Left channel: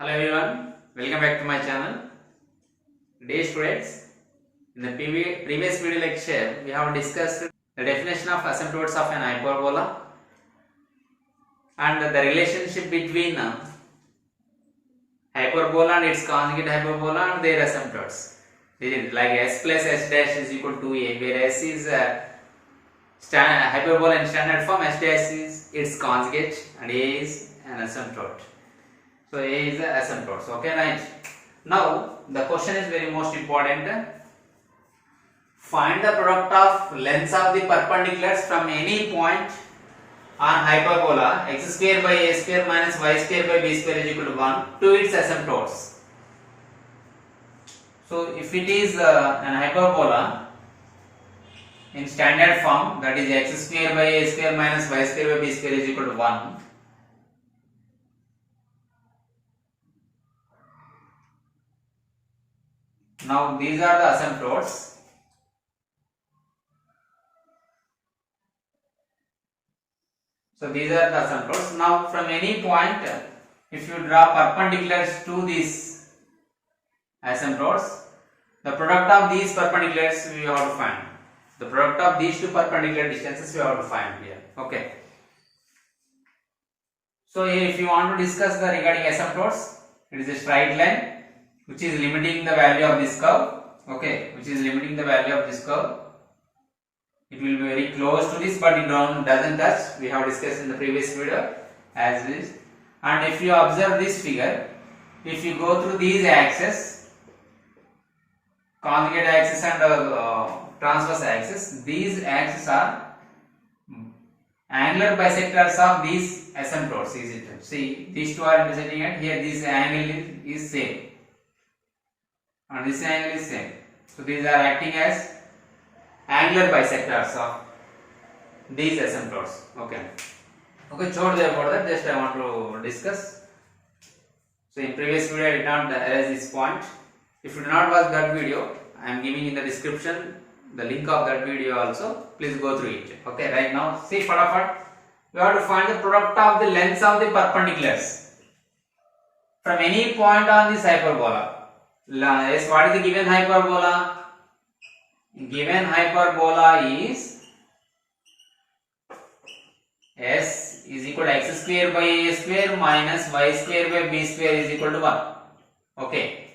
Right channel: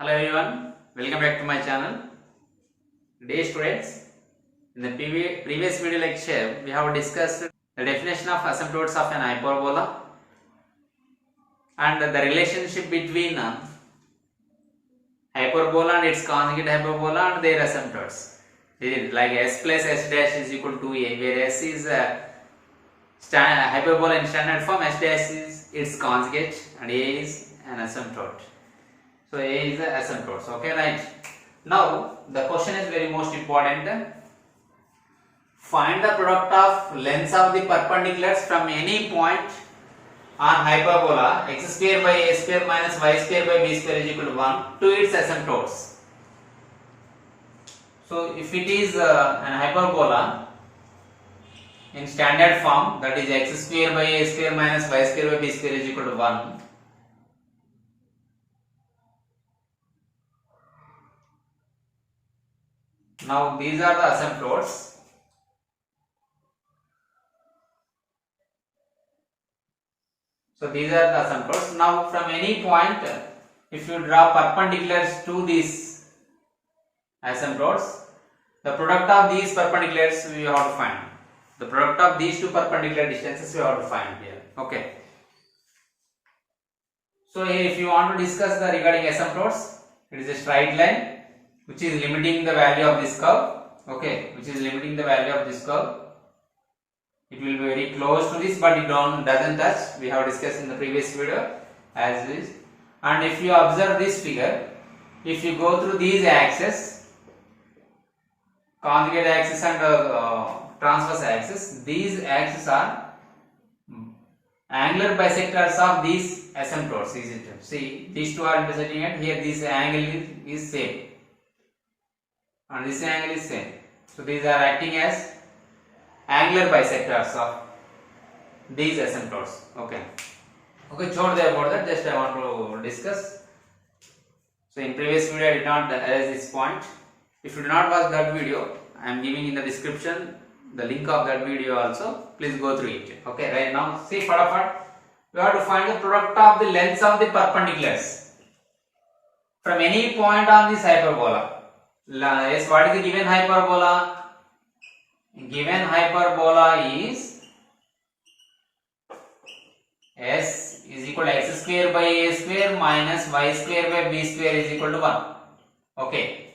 Hello everyone, welcome back to my channel. Dear students, in the previous video lecture, we have discussed the definition of asymptotes of an hyperbola and the relationship between hyperbola and its conjugate hyperbola and their asymptotes. This is like s plus s dash is equal to a, where s is hyperbola in standard form, s dash is its conjugate and a is an asymptote. So A is the asymptotes. Okay, right. Now the question is very most important. Find the product of lengths of the perpendiculars from any point on hyperbola x square by a square minus y square by b square is equal to 1 to its asymptotes. So if it is an hyperbola in standard form, that is x square by a square minus y square by b square is equal to 1. Now these are the asymptotes. So these are the asymptotes. Now from any point, if you draw perpendiculars to these asymptotes, the product of these perpendiculars we have to find. The product of these two perpendicular distances we have to find here. Okay. So here if you want to discuss the regarding asymptotes, it is a straight line which is limiting the value of this curve. Okay, which is limiting the value of this curve. It will be very close to this, but it doesn't touch. We have discussed in the previous video as this. And if you observe this figure, if you go through these axes, conjugate axis and transverse axis, these axes are angular bisectors of these asymptotes. Is it? See, these two are intersecting, and here this angle is same. And this angle is same. So these are acting as angular bisectors of these asymptotes. Okay. Okay, छोड़ दे about that. Just I want to discuss. So in previous video I did not erase this point. If you do not watch that video, I am giving in the description the link of that video also. Please go through it. Okay. Right now, see फटाफट. We have to find the product of the lengths of the perpendiculars from any point on this hyperbola. Yes, what is the given hyperbola? Given hyperbola is s is equal to x square by a square minus y square by b square is equal to 1. Okay.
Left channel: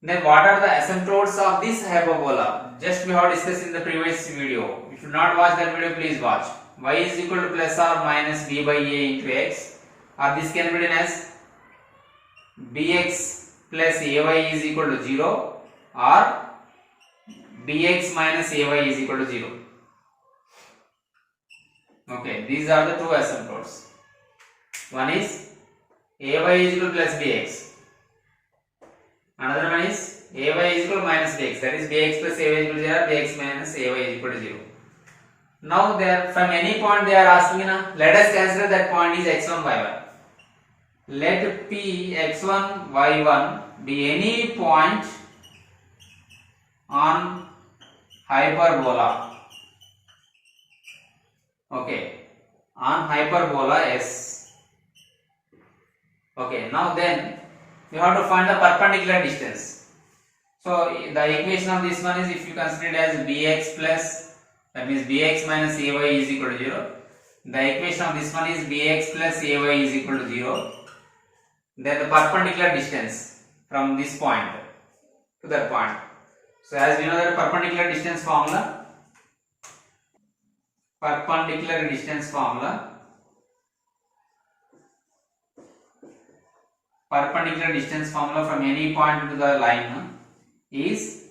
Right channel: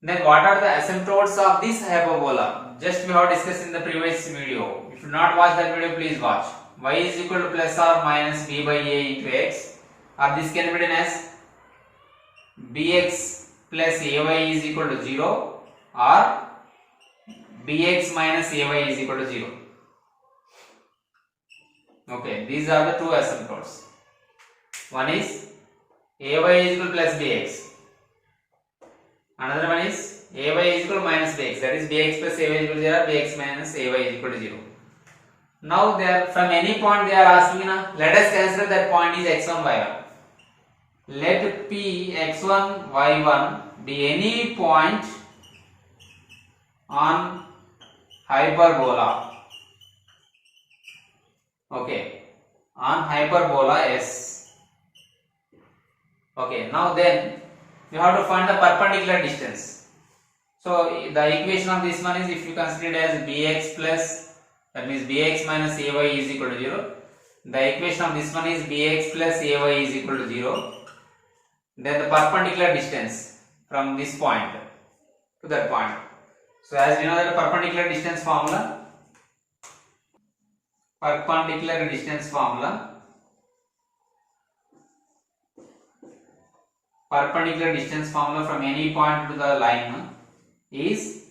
Then what are the asymptotes of this hyperbola? Just we have discussed in the previous video. If you do not watch that video, please watch. Y is equal to plus or minus b by a into x, or this can be written as bx plus ay is equal to 0 or bx minus ay is equal to 0. Okay, these are the two asymptotes. One is ay is equal to plus bx. Another one is ay is equal to minus bx. That is bx plus ay is equal to 0 or bx minus ay is equal to 0. Now there from any point they are asking, let us consider that point is x1, y1. Let P x1, y1 be any point on hyperbola. Okay, on hyperbola S. Okay, now then we have to find the perpendicular distance. So the equation of this one is, if you consider it as bx plus, that means bx minus ay is equal to 0. The equation of this one is bx plus ay is equal to 0. Then the perpendicular distance from this point to that point. So as we know that the perpendicular distance formula from any point to the line is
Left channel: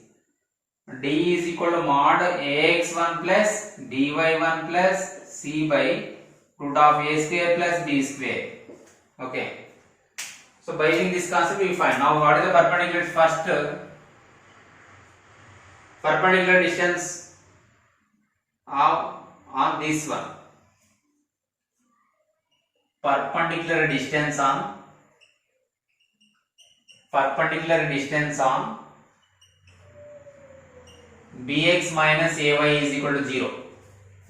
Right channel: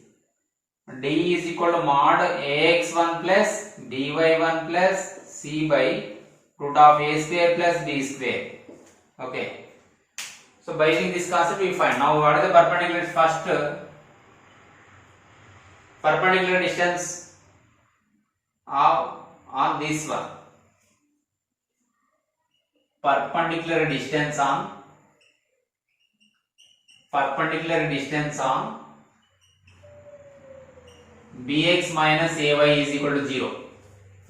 d is equal to mod ax1 plus by1 plus c by root of a square plus b square. Okay. So by using this concept we find. Now what is the perpendicular? First, perpendicular distance on this one. Perpendicular distance on bx minus ay is equal to 0.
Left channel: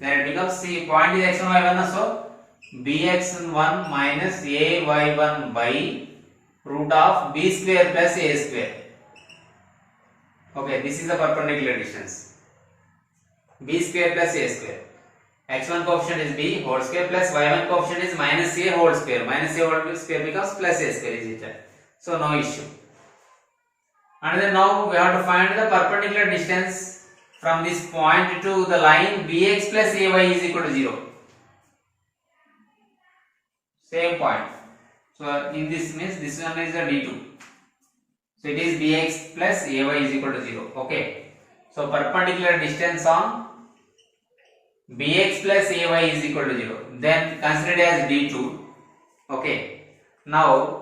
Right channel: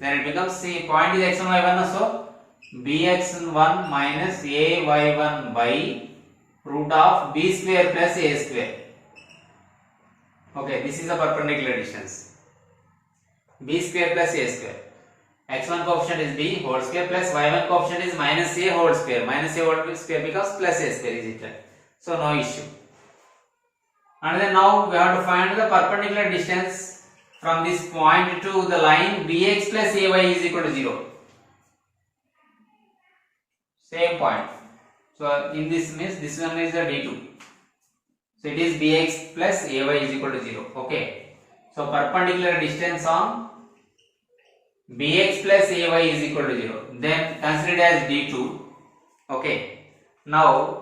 Then it becomes, see, point is x1 y1, so bx1 minus ay1 by root of b square plus a square. Okay, this is the perpendicular distance. B square plus a square. X1 coefficient is b whole square plus y1 coefficient is minus a whole square. Minus a whole square becomes plus a square, is it? So no issue. And then now we have to find the perpendicular distance from this point to the line bx plus ay is equal to 0. Same point. So in this means this one is the d2. So it is bx plus ay is equal to 0. Okay. So perpendicular distance on bx plus ay is equal to 0. Then consider it as d2. Okay. Now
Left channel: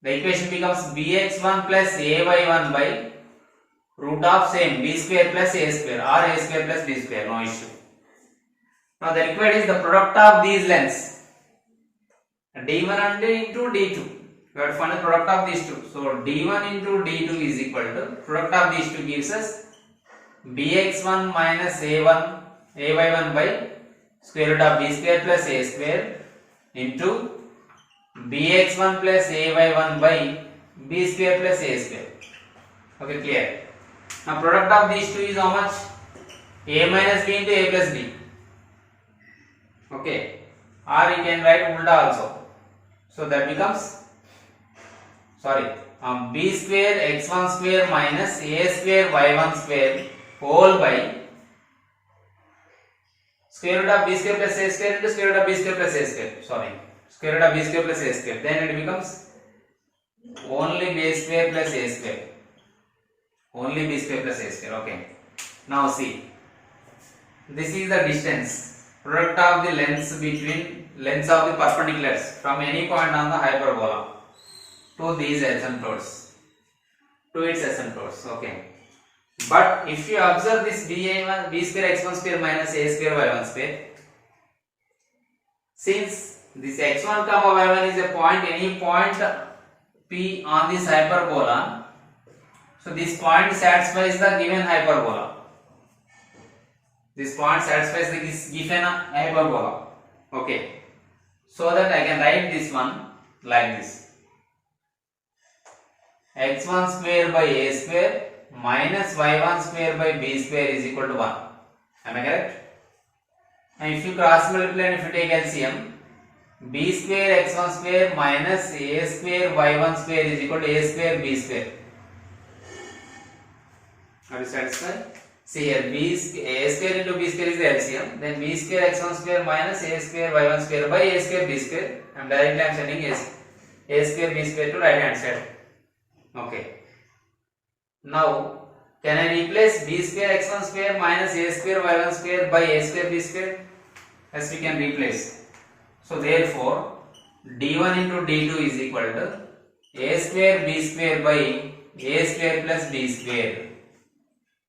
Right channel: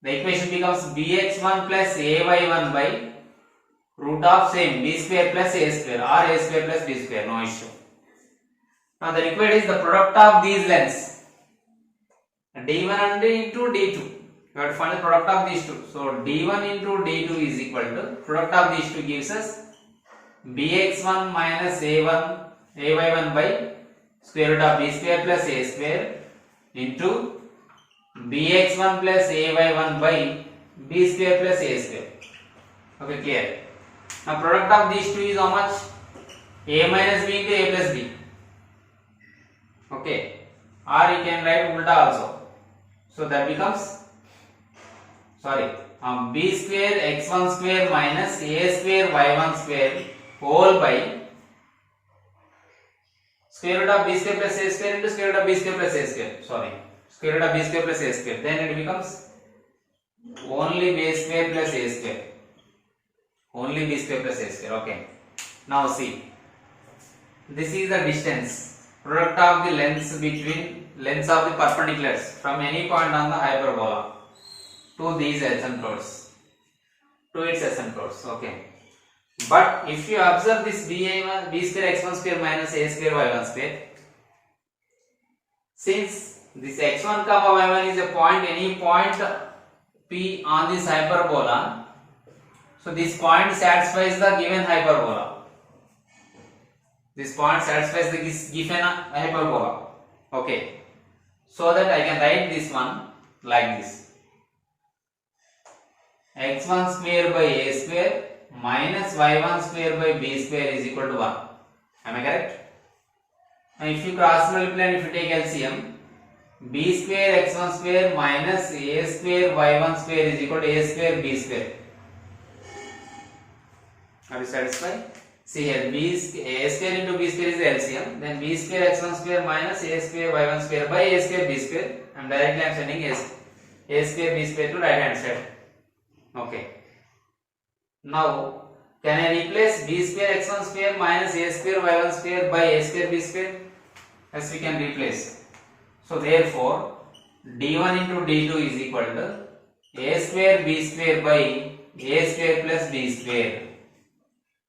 the equation becomes bx1 plus ay1 by root of same b square plus a square or a square plus b square. No issue. Now the required is the product of these lengths. d1 and into d2. We have to find the product of these two. So d1 into d2 is equal to product of these two gives us bx1 minus ay1 by square root of b square plus a square into bx1 plus ay1 by b square plus a square. Okay, clear. Now product of these two is how much? A minus b into a plus b. Okay. Or you can write ulta also. So that becomes b square x1 square minus a square y1 square whole by square root of b square plus a square into square root of b square plus a square. Square root of b square plus a square. Then it becomes only b square plus a square. Only b square plus a square. Okay. Now see. This is the distance. Product of the lengths between lengths of the perpendiculars from any point on the hyperbola to these asymptotes. To its asymptotes. Okay. But if you observe this b1 b square x1 square minus a square y1 square, since this x1 comma y1 is a point, any point P on this hyperbola, so this point satisfies the given hyperbola. This point satisfies the given hyperbola. Okay. So that I can write this one like this. x1 square by a square minus y1 square by b square is equal to 1. Am I correct? And if you cross multiply and if you take LCM, b square x1 square minus a square y1 square is equal to a square b square. Are you satisfied? See here, a square into b square is the LCM. Then b square x1 square minus a square y1 square by a square b square. And directly I am sending a square b square to right hand side. Okay. Now, can I replace b square x1 square minus a square y1 square by a square b square? Yes, we can replace. So therefore, d1 into d2 is equal to a square b square by a square plus b square.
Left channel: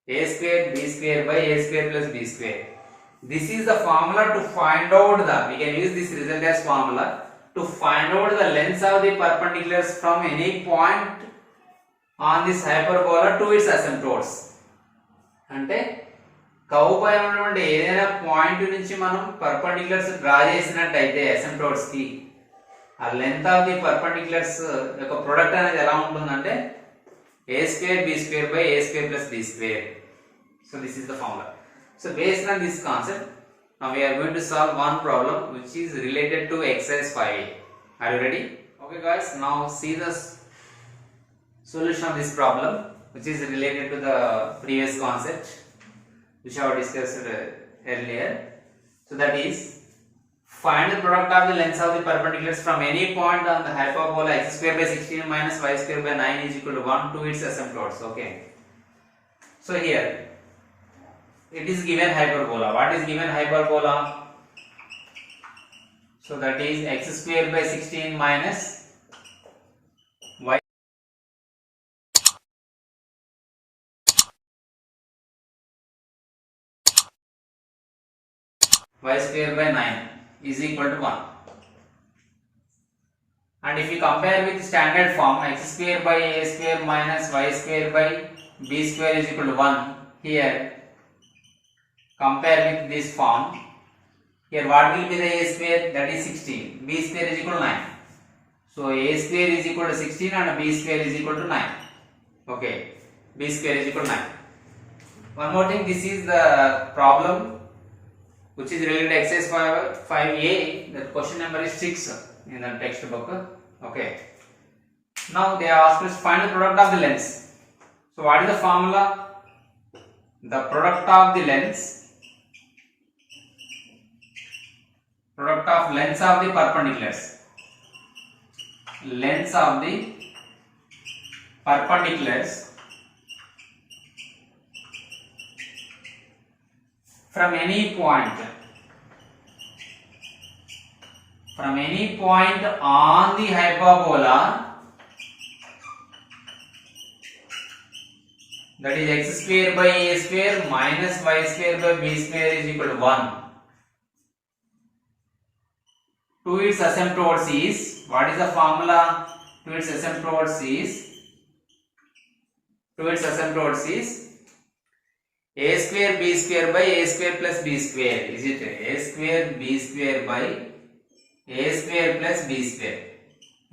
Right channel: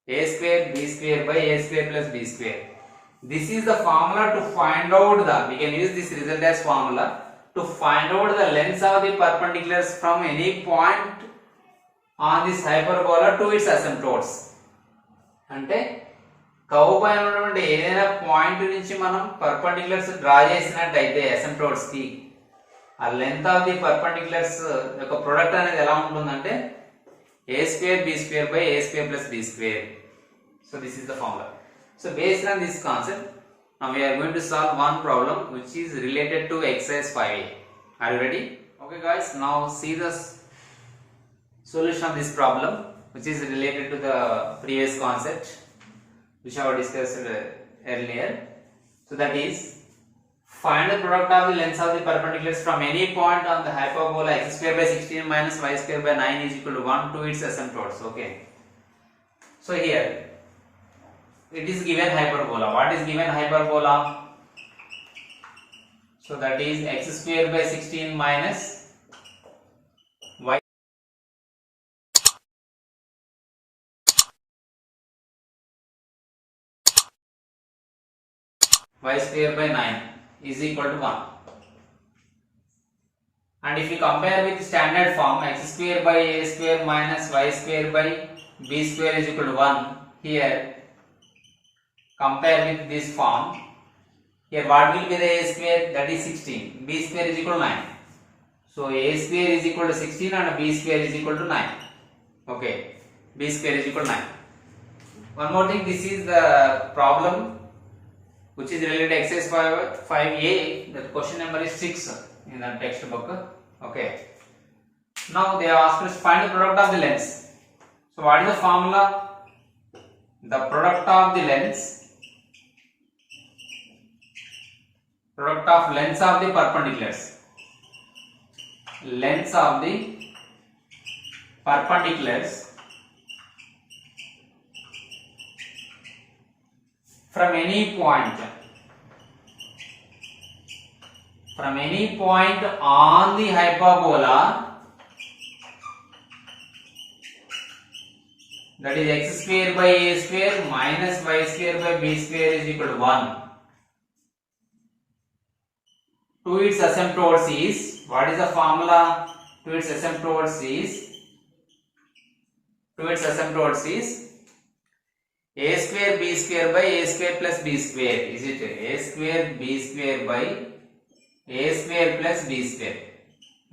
A square b square by a square plus b square. This is the formula to find out the, we can use this result as formula to find out the lengths of the perpendiculars from any point on this hyperbola to its asymptotes. అంటే curve పైన ఉన్నటువంటి ఏదైనా point నుంచి మనం perpendiculars draw చేసినట్టయితే అసిమ్ప్టోట్స్ కి ఆ length of the perpendiculars యొక్క ప్రొడక్ట్ అనేది ఎలా ఉంటుందంటే a square b square by a square plus b square. So this is the formula. So based on this concept, now we are going to solve one problem which is related to exercise 5a. Are you ready? Okay guys, now see the solution of this problem which is related to the previous concept which I have discussed earlier. So that is, find the product of the lengths of the perpendiculars from any point on the hyperbola x square by 16 minus y square by 9 is equal to 1 to its asymptotes. Okay. So here it is given hyperbola. What is given hyperbola? So that is x square by 16 minus y square by 9 is equal to 1. And if you compare with standard form x square by a square minus y square by b square is equal to 1, here compare with this form, Here what will be the a square? That is 16. B square is equal to 9. So a square is equal to 16 and b square is equal to 9. Okay, b square is equal to 9. One more thing, this is the problem which is related to exercise 5a. The question number is 6 in the textbook. Okay. Now they asked us find the product of the lengths. So what is the formula? The product of the lengths, product of lengths of the perpendiculars, lengths of the perpendiculars from any point on the hyperbola, that is x square by a square minus y square by b square is equal to 1. To its asymptotes is, what is the formula? To its asymptotes is a square b square by a square plus b square. Is it a square b square by a square plus b square?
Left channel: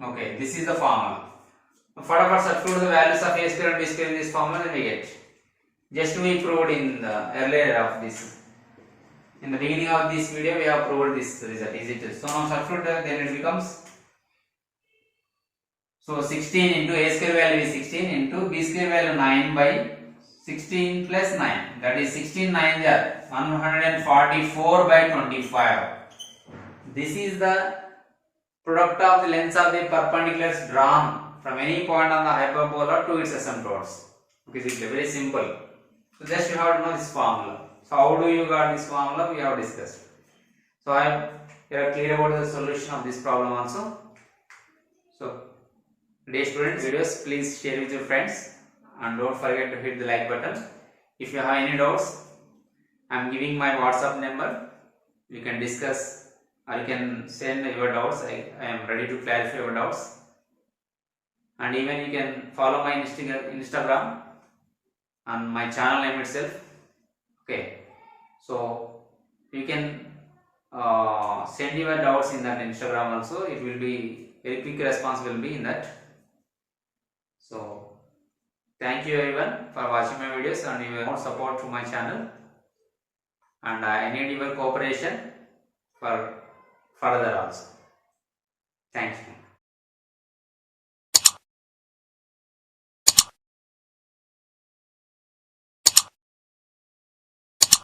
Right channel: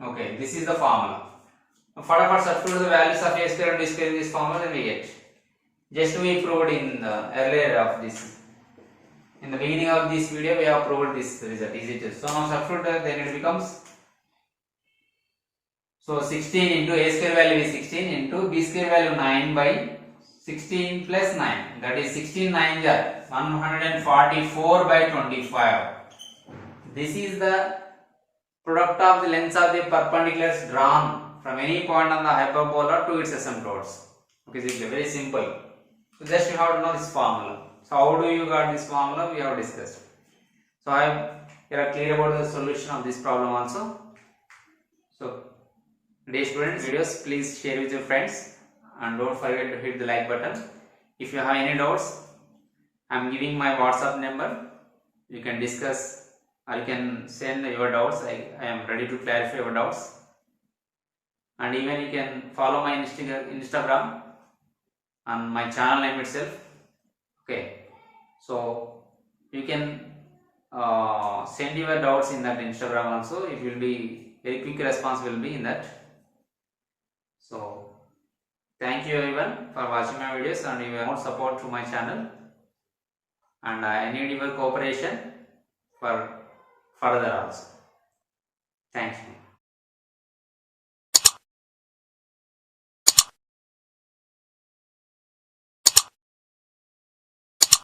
Okay, this is the formula. Further substitute the values of a square and b square in this formula, then we get. Just we proved in the earlier of this. In the beginning of this video, we have proved this result. Is it? So now substitute, then it becomes. So 16 into a square value is 16 into b square value 9 by 16 plus 9. That is 16 9 are 144 by 25. This is the product of the lengths of the perpendiculars drawn from any point on the hyperbola to its asymptotes. Okay, this is very simple. So just you have to know this formula. So how do you got this formula? We have discussed. So you are clear about the solution of this problem also. So dear students, videos please share with your friends and don't forget to hit the like button. If you have any doubts, I am giving my WhatsApp number. You can discuss or you can send your doubts. I am ready to clarify your doubts. And even you can follow my Instagram and my channel name itself. Okay, so you can send your doubts in that Instagram also. It will be very quick response will be in that. So thank you everyone for watching my videos and your more support to my channel, and I need your cooperation for further also. Thank you.